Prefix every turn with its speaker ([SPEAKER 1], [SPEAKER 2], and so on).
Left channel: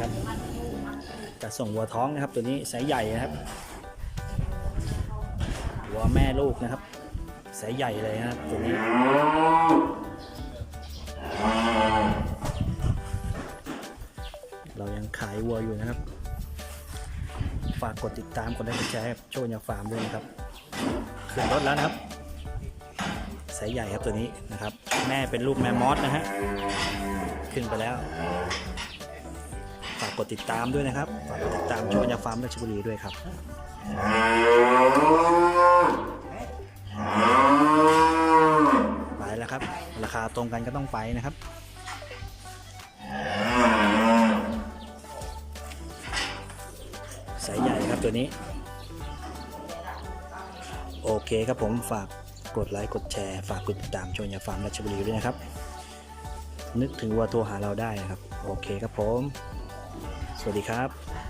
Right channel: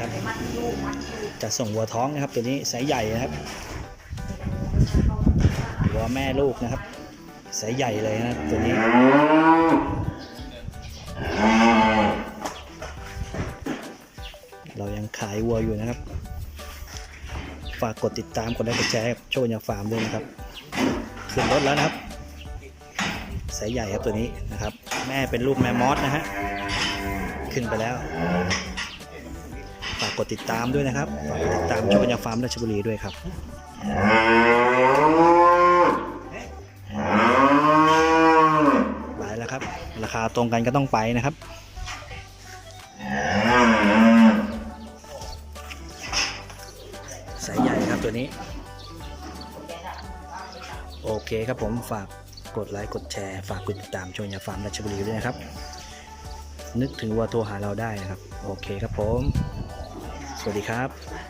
[SPEAKER 1] ครับจะส่งวัวท้องนะครับตัวนี้สายใหญ่นะครับวัวแม่ลูกนะครับสายใหญ่เลยนะครับตัวนี้เรายังขายวัวอยู่นะครับ ฝากกดติดตามกดไลค์กดแชร์ให้กับโชว์ยาฟาร์มด้วยนะครับขึ้นรถแล้วนะครับสายใหญ่ครับตัวนี้นะครับ แม่เป็นลูกแม่มอสนะฮะขึ้นไปแล้วากกดติดตามด้วยนะครับ ฝากกดติดตามโชว์ยาฟาร์มราชบุรีด้วยครับไปแล้วครับ ราคาตรงกันก็ต้องไปนะครับสายใหญ่ครับตัวนี้ โอเคครับผมฝากกดไลค์กดแชร์ ฝากกดติดตามชมยาฟาร์มราชบุรีด้วยนะครับ นึกถึงว่าโทรหาเราได้นะครับ โอเคครับผม สวัสดีครับ